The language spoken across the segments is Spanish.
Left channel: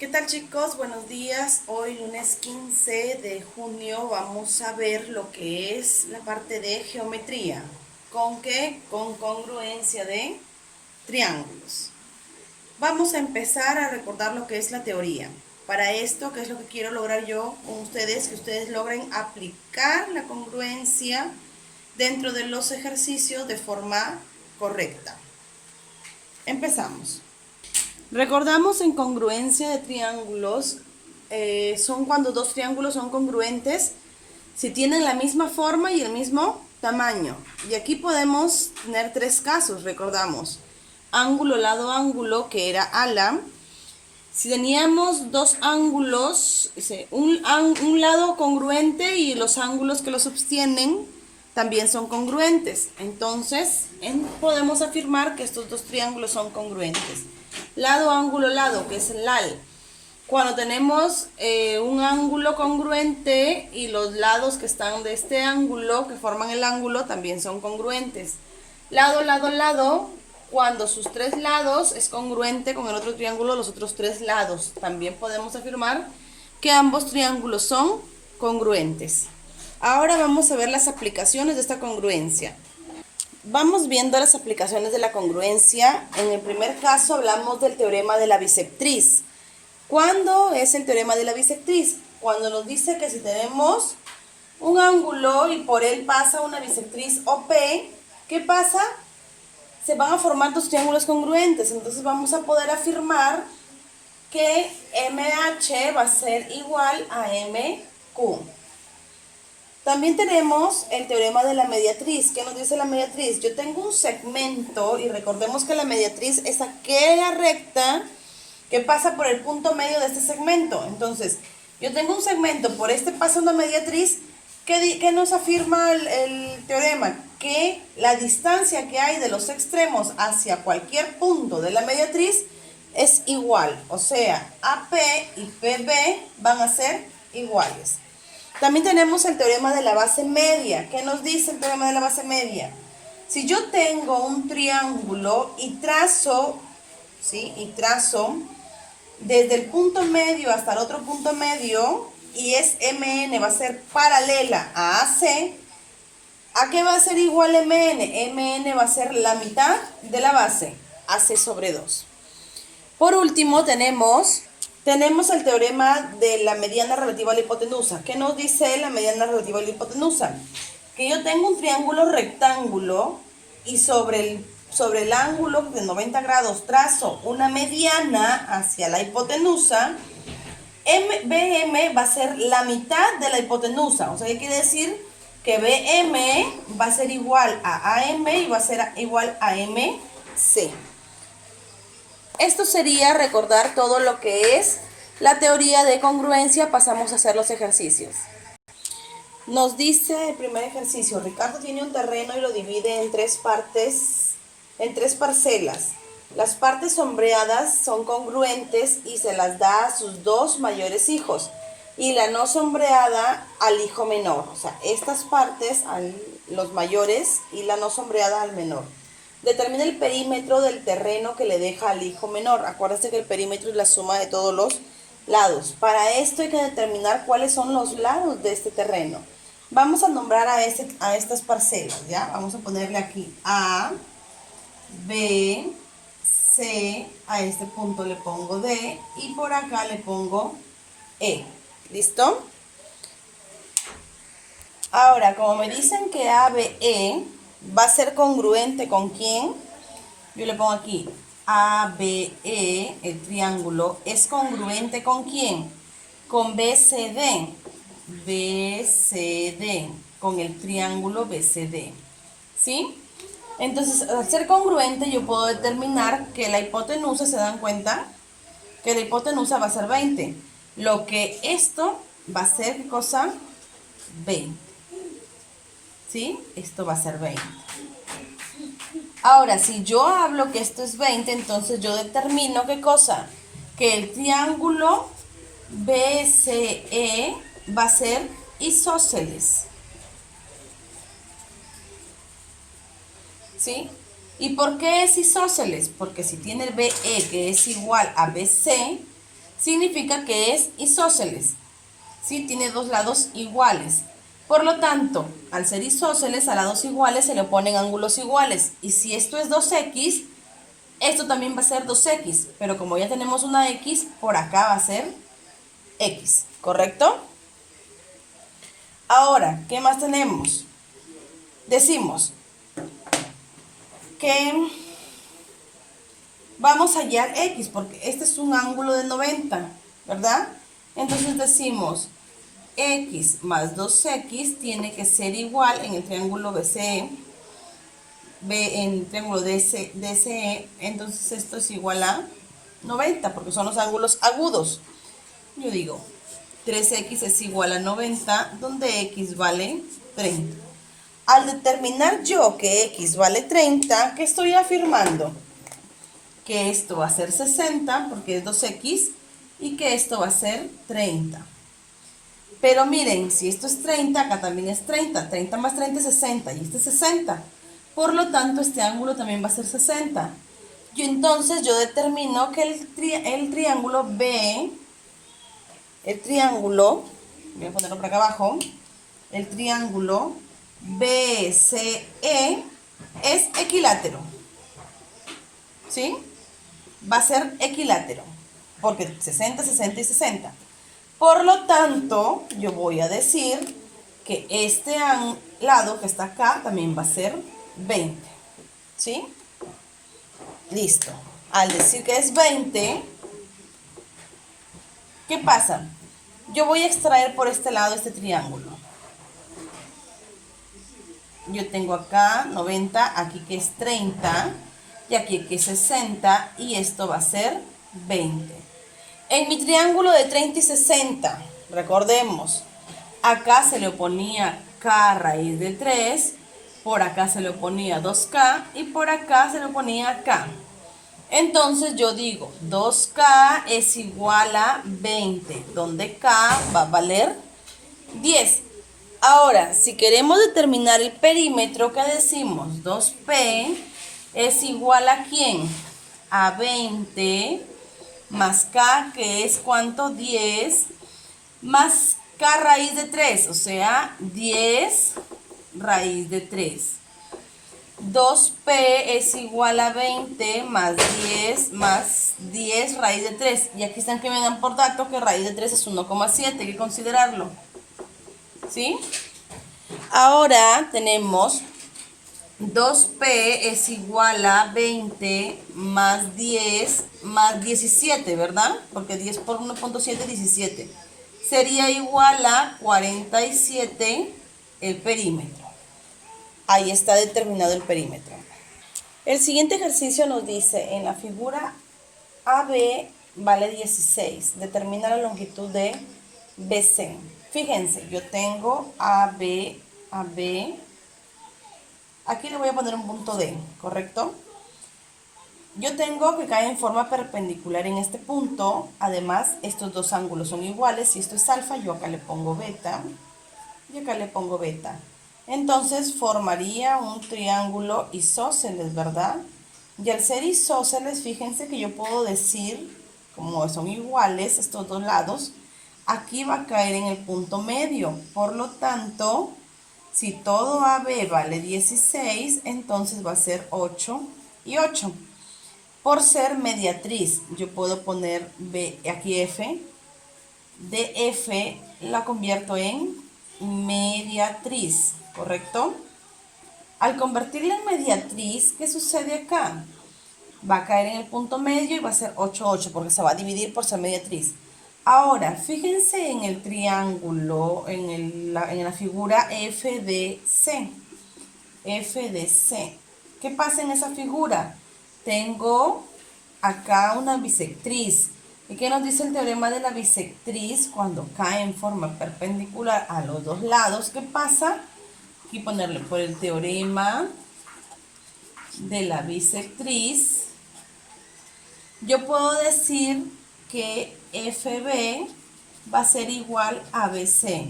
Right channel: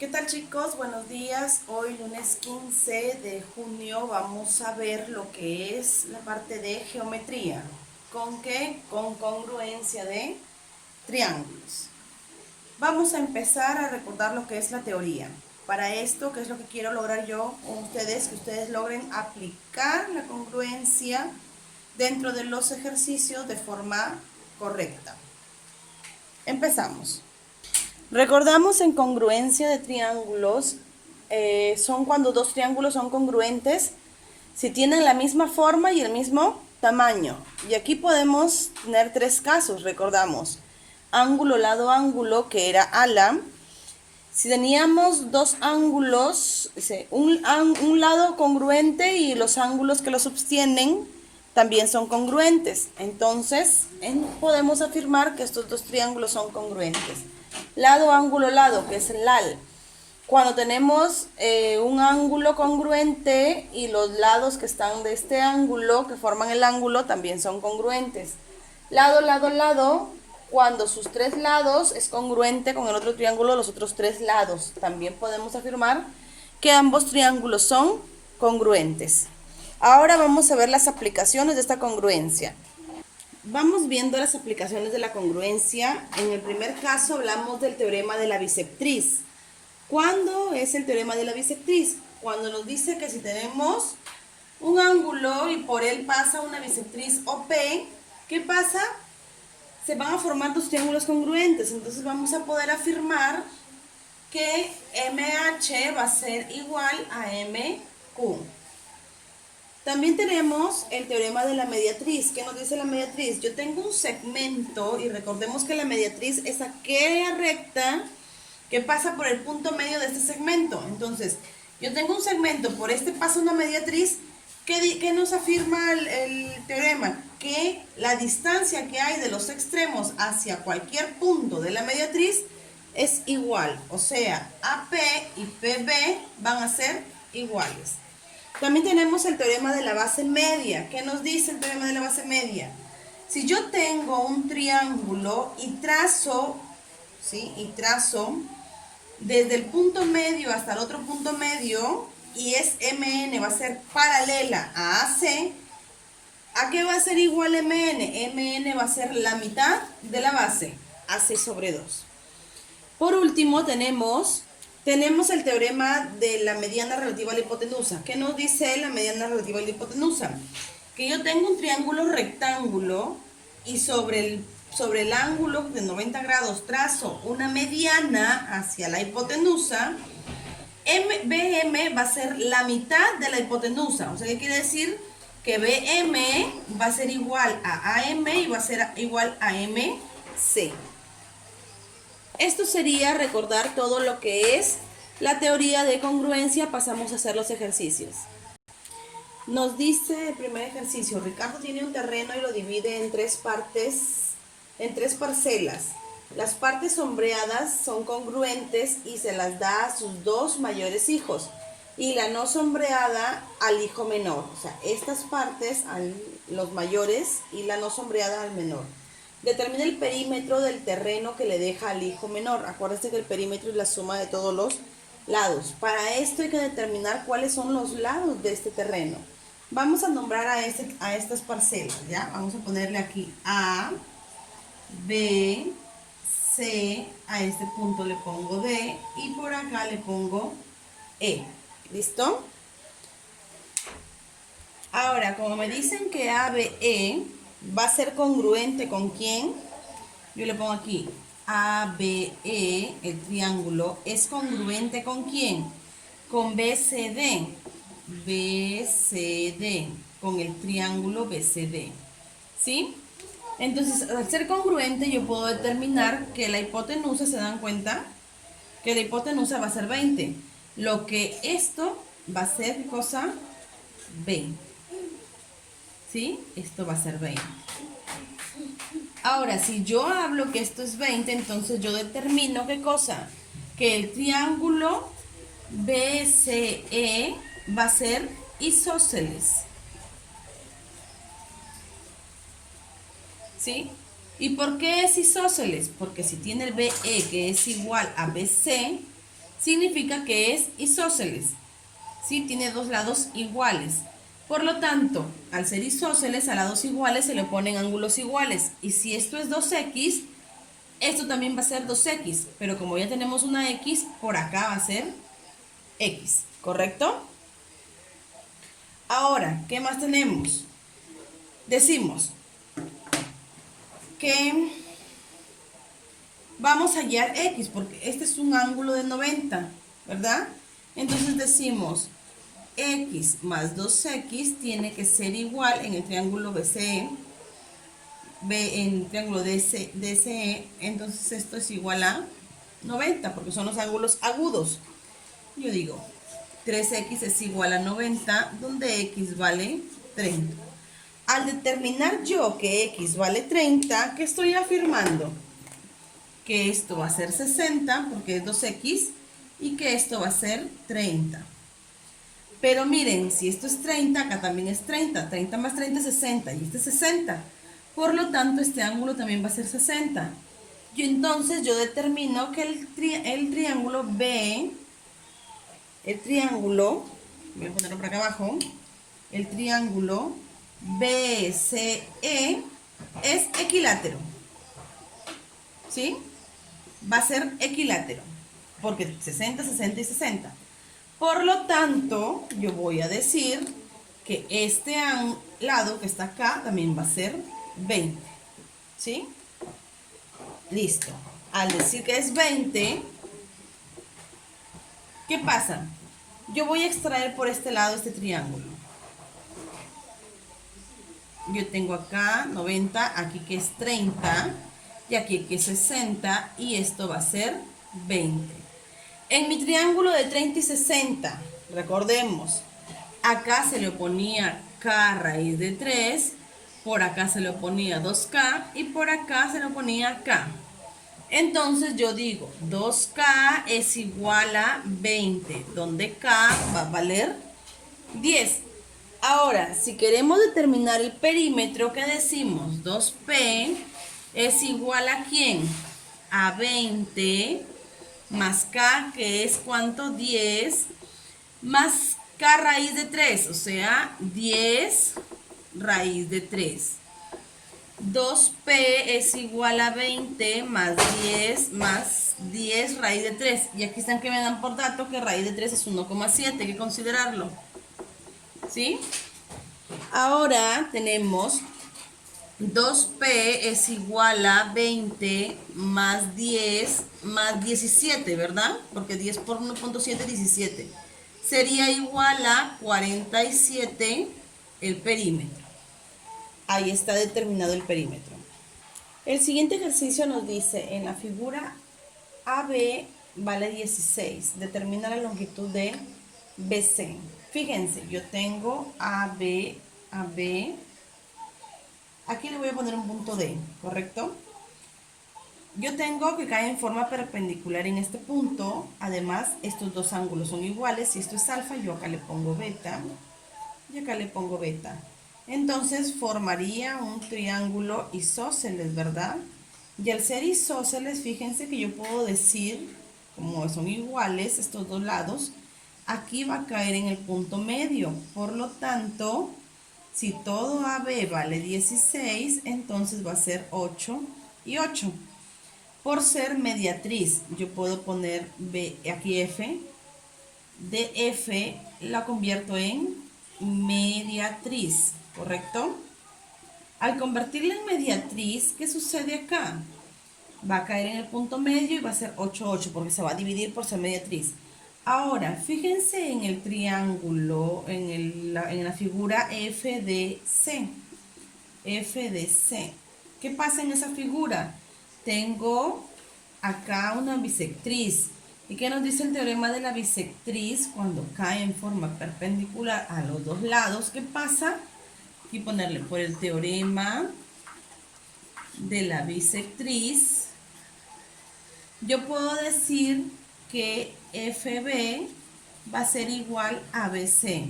¿Qué tal, chicos? Buenos días. Hoy lunes 15 de junio vamos a ver lo que es la parte de geometría. ¿Con qué? Con congruencia de triángulos. Vamos a empezar a recordar lo que es la teoría. Para esto, ¿qué es lo que quiero lograr yo con ustedes? Que ustedes logren aplicar la congruencia dentro de los ejercicios de forma correcta. Empezamos. Recordamos en congruencia de triángulos, son cuando dos triángulos son congruentes si tienen la misma forma y el mismo tamaño. Y aquí podemos tener tres casos, recordamos. Ángulo, lado, ángulo, que era ala. Si teníamos dos ángulos, un lado congruente y los ángulos que lo sostienen también son congruentes. Entonces, podemos afirmar que estos dos triángulos son congruentes. Lado, ángulo, lado, que es el LAL. Cuando tenemos un ángulo congruente y los lados que están de este ángulo, que forman el ángulo, también son congruentes. Lado, lado, lado, cuando sus tres lados es congruente con el otro triángulo, los otros tres lados. También podemos afirmar que ambos triángulos son congruentes. Ahora vamos a ver las aplicaciones de esta congruencia. Vamos viendo las aplicaciones de la congruencia. En el primer caso hablamos del teorema de la bisectriz. ¿Cuándo es el teorema de la bisectriz? Cuando nos dice que si tenemos un ángulo y por él pasa una bisectriz OP, ¿qué pasa? Se van a formar dos triángulos congruentes. Entonces vamos a poder afirmar que MH va a ser igual a MQ. También tenemos el teorema de la mediatriz. ¿Qué nos dice la mediatriz? Yo tengo un segmento y recordemos que la mediatriz es aquella recta que pasa por el punto medio de este segmento. Entonces, yo tengo un segmento, por este pasa una mediatriz. ¿Qué nos afirma el teorema? Que la distancia que hay de los extremos hacia cualquier punto de la mediatriz es igual. O sea, AP y PB van a ser iguales. También tenemos el teorema de la base media. ¿Qué nos dice el teorema de la base media? Si yo tengo un triángulo y trazo, ¿sí? Desde el punto medio hasta el otro punto medio, y es MN, va a ser paralela a AC, ¿a qué va a ser igual MN? MN va a ser la mitad de la base, AC sobre 2. Por último, tenemos el teorema de la mediana relativa a la hipotenusa. ¿Qué nos dice la mediana relativa a la hipotenusa? Que yo tengo un triángulo rectángulo y sobre el ángulo de 90 grados trazo una mediana hacia la hipotenusa. BM va a ser la mitad de la hipotenusa. O sea, ¿qué quiere decir? Que BM va a ser igual a AM y va a ser igual a MC. Esto sería recordar todo lo que es la teoría de congruencia. Pasamos a hacer los ejercicios. Nos dice el primer ejercicio: Ricardo tiene un terreno y lo divide en tres partes, en tres parcelas. Las partes sombreadas son congruentes y se las da a sus dos mayores hijos, y la no sombreada al hijo menor. O sea, estas partes a los mayores y la no sombreada al menor. Determina el perímetro del terreno que le deja al hijo menor. Acuérdense que el perímetro es la suma de todos los lados. Para esto hay que determinar cuáles son los lados de este terreno. Vamos a nombrar a estas parcelas, ¿ya? Vamos a ponerle aquí A, B, C, a este punto le pongo D y por acá le pongo E. ¿Listo? Ahora, como me dicen que ABE va a ser congruente con quién, yo le pongo aquí ABE, el triángulo, es congruente con quién, con BCD, con el triángulo BCD, ¿sí? Entonces, al ser congruente, yo puedo determinar que la hipotenusa, ¿se dan cuenta? Que la hipotenusa va a ser 20. Lo que esto va a ser, cosa 20. ¿Sí? Esto va a ser 20. Ahora, si yo hablo que esto es 20, entonces yo determino, ¿qué cosa? Que el triángulo BCE va a ser isósceles. ¿Sí? ¿Y por qué es isósceles? Porque si tiene BE que es igual a BC, significa que es isósceles, ¿sí? Tiene dos lados iguales. Por lo tanto, al ser isósceles, a lados iguales se le oponen ángulos iguales. Y si esto es 2x, esto también va a ser 2x. Pero como ya tenemos una x, por acá va a ser x, ¿correcto? Ahora, ¿qué más tenemos? Decimos que vamos a hallar x, porque este es un ángulo de 90, ¿verdad? Entonces decimos x más 2x tiene que ser igual en el triángulo BCE, en el triángulo DCE, entonces esto es igual a 90, porque son los ángulos agudos. Yo digo, 3x es igual a 90, donde x vale 30. Al determinar yo que x vale 30, ¿qué estoy afirmando? Que esto va a ser 60, porque es 2x, y que esto va a ser 30. Pero miren, si esto es 30, acá también es 30. 30 más 30 es 60, y este es 60. Por lo tanto, este ángulo también va a ser 60. Y entonces yo determino que el triángulo B, voy a ponerlo por acá abajo, el triángulo BCE es equilátero. ¿Sí? Va a ser equilátero, porque 60, 60 y 60. Por lo tanto, yo voy a decir que este lado que está acá también va a ser 20. ¿Sí? Listo. Al decir que es 20, ¿qué pasa? Yo voy a extraer por este lado este triángulo. Yo tengo acá 90, aquí que es 30, y aquí que es 60, y esto va a ser 20. En mi triángulo de 30 y 60, recordemos, acá se le oponía k raíz de 3, por acá se le oponía 2k y por acá se le oponía k. Entonces yo digo, 2k es igual a 20, donde k va a valer 10. Ahora, si queremos determinar el perímetro, ¿qué decimos? 2p es igual a ¿quién? A 20 más k, que es ¿cuánto? 10, más k raíz de 3, o sea, 10 raíz de 3. 2p es igual a 20 más 10 raíz de 3. Y aquí están que me dan por dato que raíz de 3 es 1,7, hay que considerarlo. ¿Sí? Ahora tenemos 2p es igual a 20 más 10 más 17, ¿verdad? Porque 10 por 1,7 es 17. Sería igual a 47 el perímetro. Ahí está determinado el perímetro. El siguiente ejercicio nos dice, en la figura AB vale 16. Determina la longitud de BC. Fíjense, yo tengo AB. Aquí le voy a poner un punto D, ¿correcto? Yo tengo que cae en forma perpendicular en este punto. Además, estos dos ángulos son iguales. Si esto es alfa, yo acá le pongo beta. Y acá le pongo beta. Entonces, formaría un triángulo isósceles, ¿verdad? Y al ser isósceles, fíjense que yo puedo decir, como son iguales estos dos lados, aquí va a caer en el punto medio. Por lo tanto, si todo AB vale 16, entonces va a ser 8 y 8. Por ser mediatriz, yo puedo poner B, aquí F. De F la convierto en mediatriz, ¿correcto? Al convertirla en mediatriz, ¿qué sucede acá? Va a caer en el punto medio y va a ser 8, 8, porque se va a dividir por ser mediatriz. Ahora, fíjense en el triángulo, en la figura FDC. FDC. ¿Qué pasa en esa figura? Tengo acá una bisectriz. ¿Y qué nos dice el teorema de la bisectriz? Cuando cae en forma perpendicular a los dos lados, ¿qué pasa? Aquí ponerle por el teorema de la bisectriz. Yo puedo decir que FB va a ser igual a BC.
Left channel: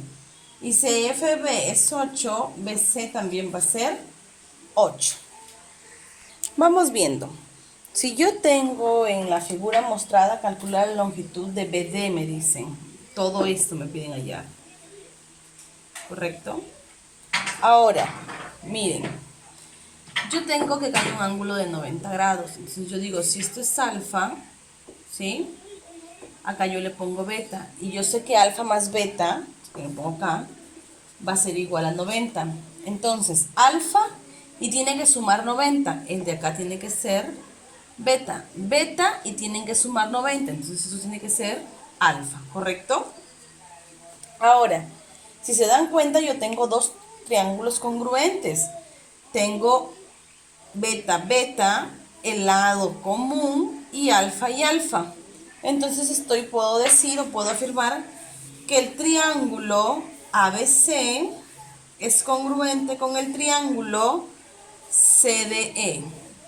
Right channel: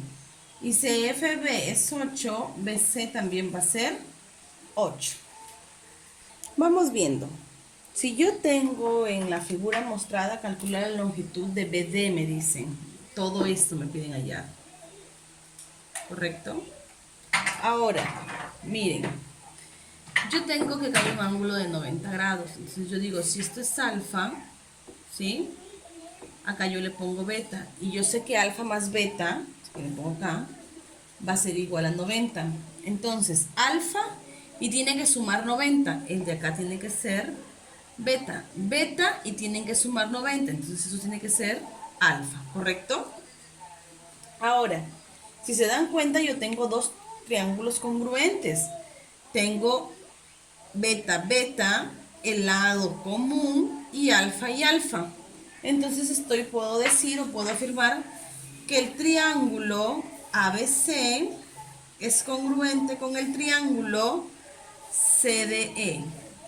Y si FB es 8, BC también va a ser 8. Vamos viendo. Si yo tengo en la figura mostrada calcular la longitud de BD, me dicen. Todo esto me piden hallar. ¿Correcto? Ahora, miren. Yo tengo que caer un ángulo de 90 grados. Entonces yo digo, si esto es alfa, ¿sí? Acá yo le pongo beta. Y yo sé que alfa más beta, que lo pongo acá, va a ser igual a 90. Entonces, alfa y tiene que sumar 90. El de acá tiene que ser beta. Beta y tienen que sumar 90. Entonces eso tiene que ser alfa, ¿correcto? Ahora, si se dan cuenta, yo tengo dos triángulos congruentes. Tengo beta, beta, el lado común y alfa. Entonces puedo decir o puedo afirmar que el triángulo ABC es congruente con el triángulo CDE.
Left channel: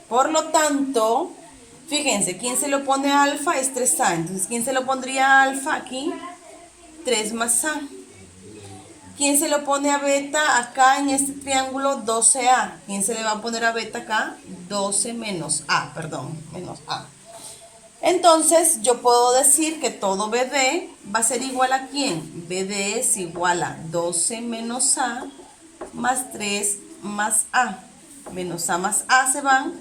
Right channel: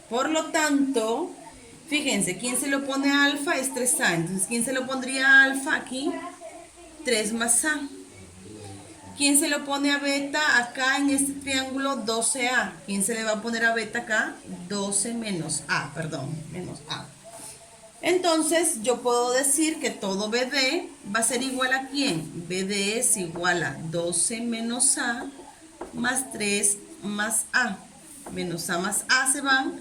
Por lo tanto, fíjense, ¿quién se lo pone a alfa? Es 3A. Entonces, ¿quién se lo pondría a alfa aquí? 3 más A. ¿Quién se lo pone a beta acá en este triángulo? 12A. ¿Quién se le va a poner a beta acá? 12 menos A, perdón, menos A. Entonces, yo puedo decir que todo BD va a ser igual a ¿quién? BD es igual a 12 menos A más 3 más A. Menos A más A se van,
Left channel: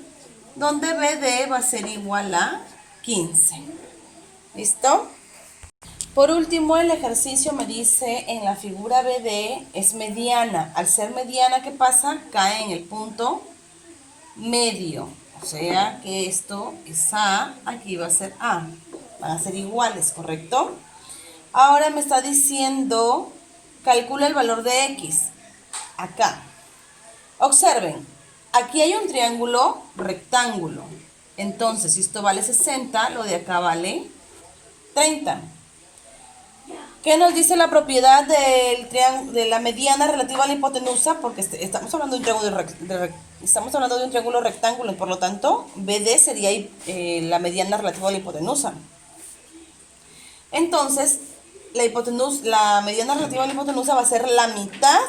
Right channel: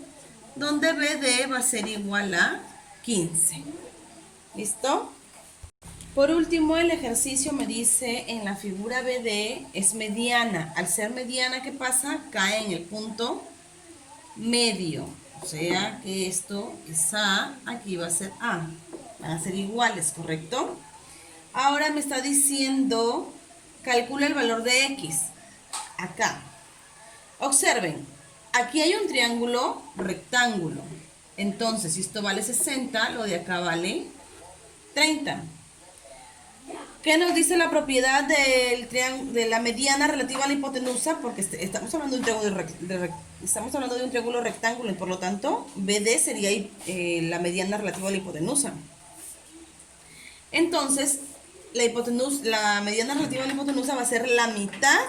donde BD va a ser igual a 15. ¿Listo? Por último, el ejercicio me dice en la figura BD es mediana. Al ser mediana, ¿qué pasa? Cae en el punto medio. O sea que esto es A, aquí va a ser A. Van a ser iguales, ¿correcto? Ahora me está diciendo, calcula el valor de X. Acá. Observen, aquí hay un triángulo rectángulo. Entonces, si esto vale 60, lo de acá vale 30. ¿Qué nos dice la propiedad de la mediana relativa a la hipotenusa? Porque estamos hablando de un triángulo rectángulo y por lo tanto BD sería la mediana relativa a la hipotenusa. Entonces, la mediana relativa a la hipotenusa va a ser la mitad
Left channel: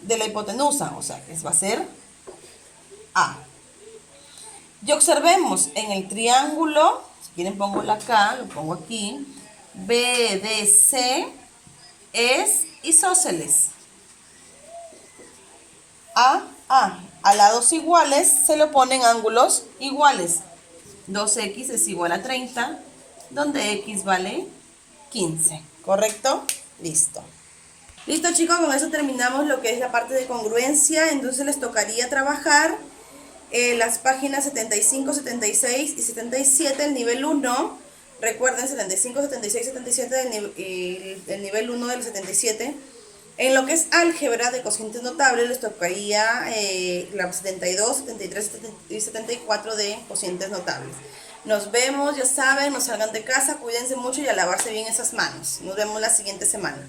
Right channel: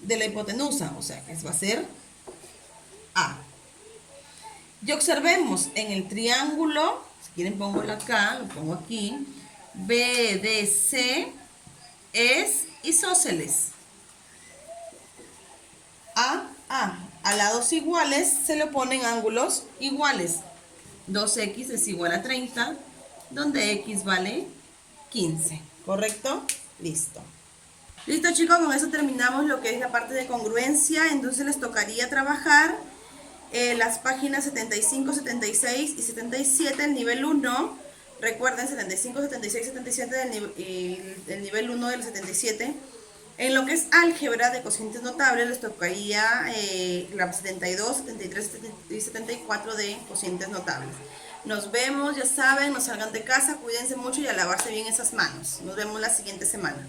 de la hipotenusa, o sea, que va a ser A. Y observemos en el triángulo, si quieren pongo la K, lo pongo aquí, BDC es isósceles. A. A lados iguales se le ponen ángulos iguales. 2x es igual a 30, donde x vale 15. ¿Correcto? Listo. Listo, chicos, con eso terminamos lo que es la parte de congruencia. Entonces les tocaría trabajar las páginas 75, 76 y 77, el nivel 1. Recuerden, 75, 76, 77 el nivel 1 del 77. En lo que es álgebra de cocientes notables les tocaría la 72, 73 y 74 de cocientes notables. Nos vemos, ya saben, no salgan de casa, cuídense mucho y a lavarse bien esas manos. Nos vemos la siguiente semana.